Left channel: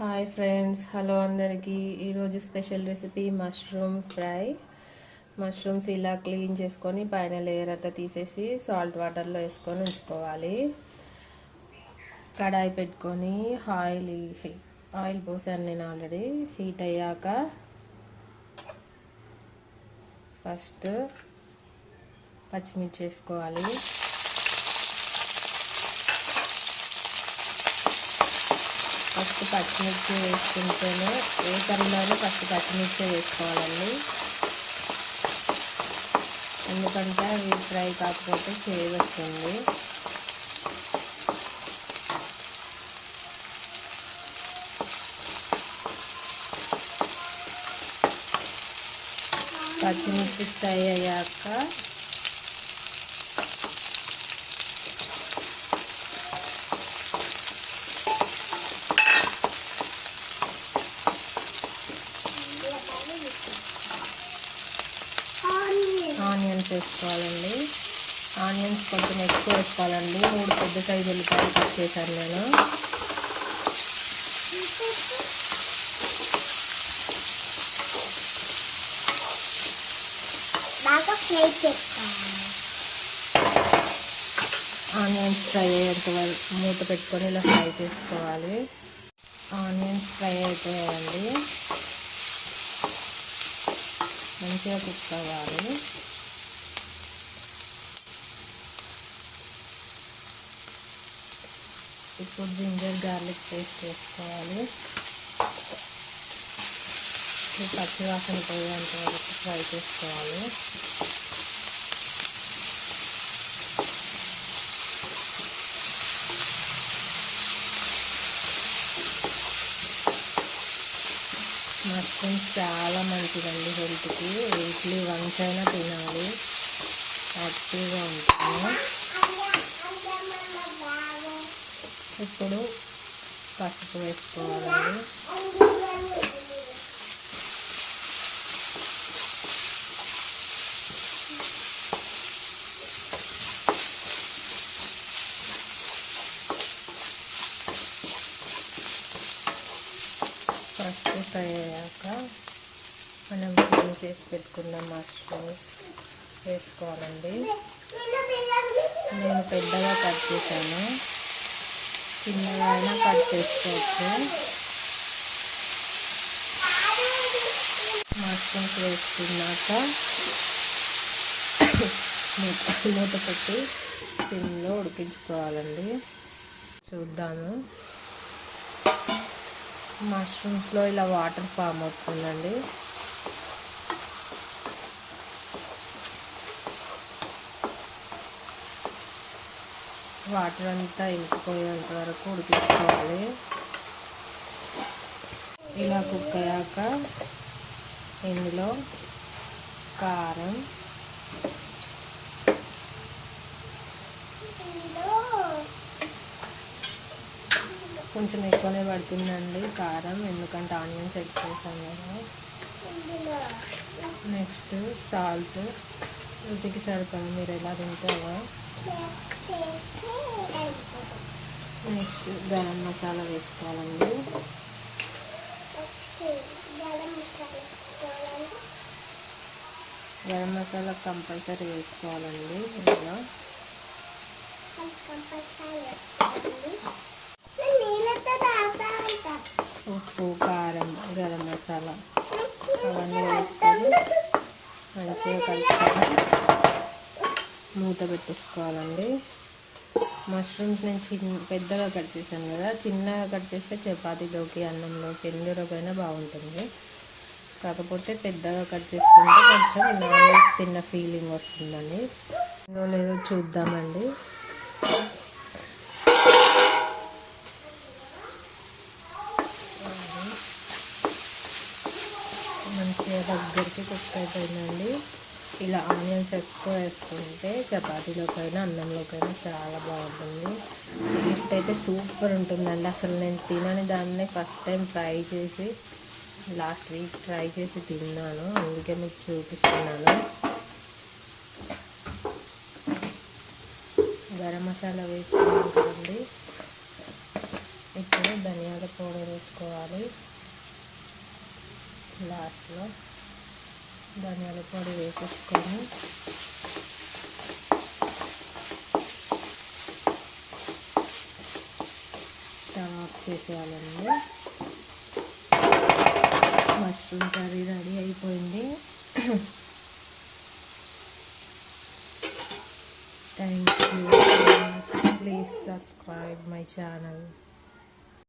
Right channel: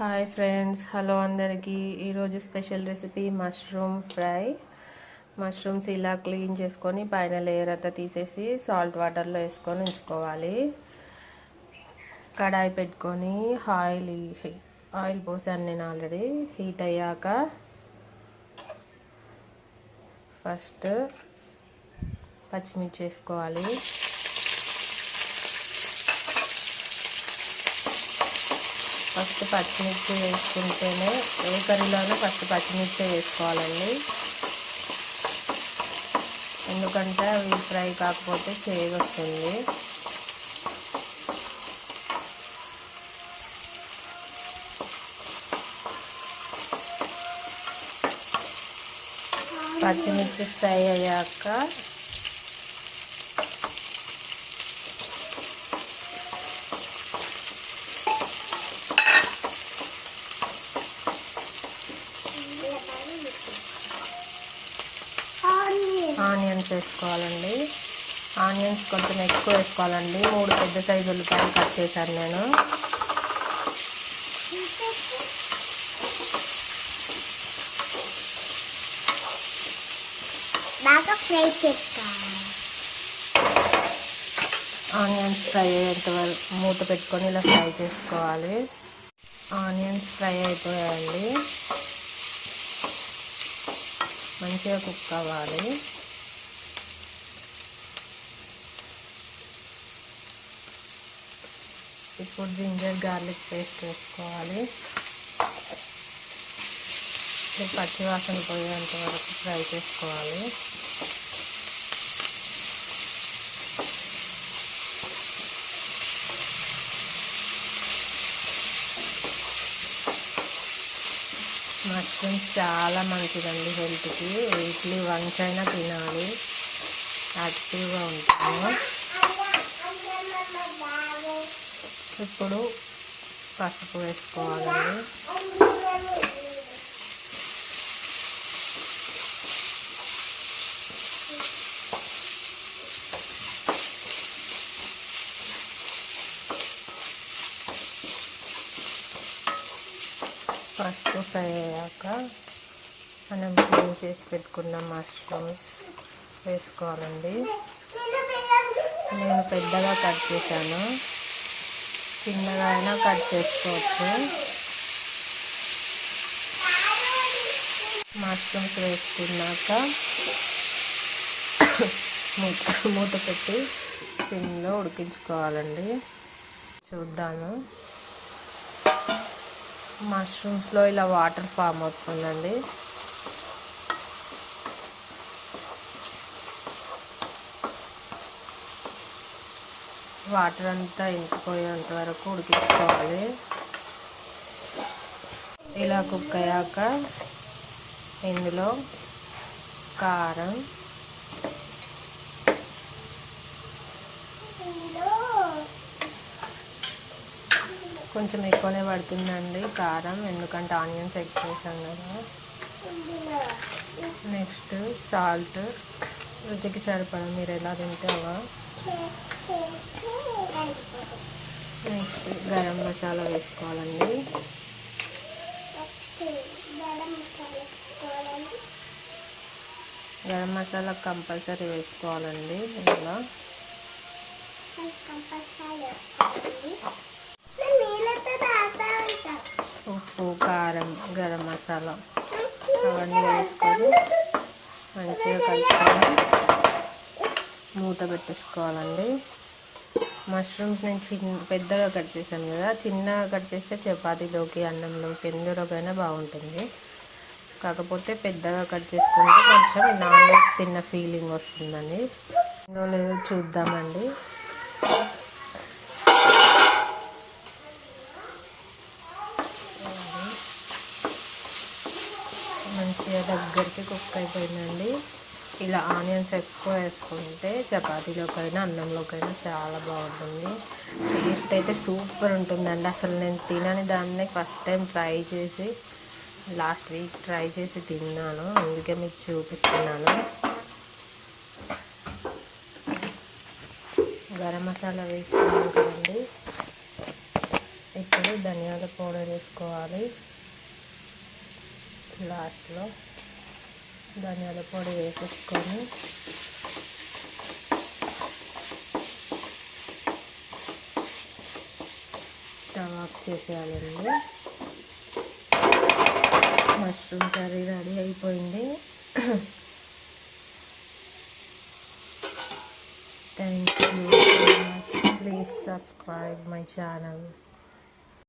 Hi friends hello అందరికీ. ఈరోజు special recipe mushroom fry mushrooms ఇలా క్లీన్ చేసుకొని పైన లేయర్ అంతా తీసేసి సాల్ట్ వాటర్లో వేసుకొని ఉంచుకోవాలి. కడాయి పెట్టుకొని ఆయిల్ ఆయిల్ పోసాను నేను ఆల్రెడీ. హీట్ అయ్యాక ఫస్ట్ పచ్చిమిర్చి వేసుకోవాలి. ఫస్ట్ పచ్చిమిర్చి వేసుకుంటేనే ఏ కర్రీలోనూ ఫస్ట్ పచ్చిమిర్చి వేసుకోవాలండి. ఎందుకంటే అవి ఫ్రై కాకపోతే చేదు వస్తుంది పచ్చిమిర్చి ఫ్రై అయ్యాక ఆనియన్స్ వేసుకోవాలండి. ఆనియన్స్ కొంచెం ఎక్కువ వేసుకోవాలండి. మూడు పెద్ద సైజు ఉల్లిపాయలు కట్ చేశాను నేను. ఆనియన్స్ ఫ్రై అయ్యేంత వరకు మూత పెట్టుకొని ఇలా ఫ్రై చేసుకోవాలి. ఆనియన్స్ ఫ్రై అయిపోయాయండి. మంచిగా కుక్ అవ్వాలి. ఇప్పుడు జింజర్ గార్లిక్ పేస్ట్ వేసుకోవాలి. పచ్చి వాసన పోయేంత వరకు ఫ్రై చేసుకోవాలి. మష్రూమ్స్ చాలా మంచిదండి హెల్త్కి. వీక్లీ వన్స్ అయినా తినాలి. యాక్టివ్గా ఉంటాము ఇప్పుడు పసుపు వేసుకోవాలండి పసుపు ఫ్రై అయ్యాక మనం క్లీన్ చేసి పెట్టుకున్న మష్రూమ్స్ వేసుకోవాలండి. నేను పెద్దగా కట్ చేశాను. చిన్నగా అయినా కట్ చేసుకోవచ్చు. మష్రూమ్స్ వేసుకున్నాక మూత మూత పెట్టి సిమ్లో ఉడికించుకోవాలండి. చూద్దాము. మష్రూమ్స్లో ఇలా వాటర్ ఫామ్ అవుతుందండి. వాటర్ అంతా ఇంకిపోయేంత వరకు ఉడికించుకోవాలి. ఇలా కుక్ అయ్యాక ఇందులో కారం కొంచెం ఎక్కువనే పడుతుందండి కారం ఎందుకంటే ఆనియన్స్ ఎక్కువ వేసాం కదా. నెక్స్ట్ సాల్ట్ రుచికి సరిపడా మీరు ఎలా తింటావా నెక్స్ట్ గరం మసాలా వేసుకోవాలండి. గరం మసాలా కంపల్సరీ వేసుకోవాలండి ఇందులో. ఉప్పు కారం గరం మసాలా అవన్నీ వేసుకొని మంచిగా కలుపుకొని మూత పెట్టేసుకోవాలండి. మష్రూమ్స్ నేను చిన్న పెద్దగా కట్ చేశాను కదా చిన్నగా కట్ చేస్తే చపాతీలోకి అన్నంలోకి ఎందులోకైనా బాగుంటుంది. కాకపోతే పెద్దగా కట్ చేసుకుంటే కొంచెం నాన్ వెజ్ తిన్న ఫీలింగ్ వస్తుందండి. లేదో చూద్దామండి. మంచిగా దగ్గరికి కుక్ అయిపోయిందండి. ఇలా ఆనియన్స్ ఎక్కువ వేసుకుంటే చపాతీలోకైనా అన్నంలోకైనా చాలా బాగుంటుంది. టేస్ట్ అయితే సూపర్ ఉంటుందండి. అసలు నేను తినని దాన్ని ఫస్ట్ టైం ట్రై చేసి లాస్ట్ వీక్ ట్రై చేసి తిన్నాను. అందుకే మీకు చూపిస్తున్నాను. గరం మసాలా వేసుకున్నాం కదండి. ఇప్పుడు ఇప్పుడు ధనియాల పౌడర్ వేసుకోవాలి. లాస్ట్లో ధనియాల పొడి వేసేసుకొని స్టవ్ ఆఫ్ చేసేయాలండి. మష్రూమ్ కర్రీ రెడీ అయిపోయింది. Thank you please subscribe my channel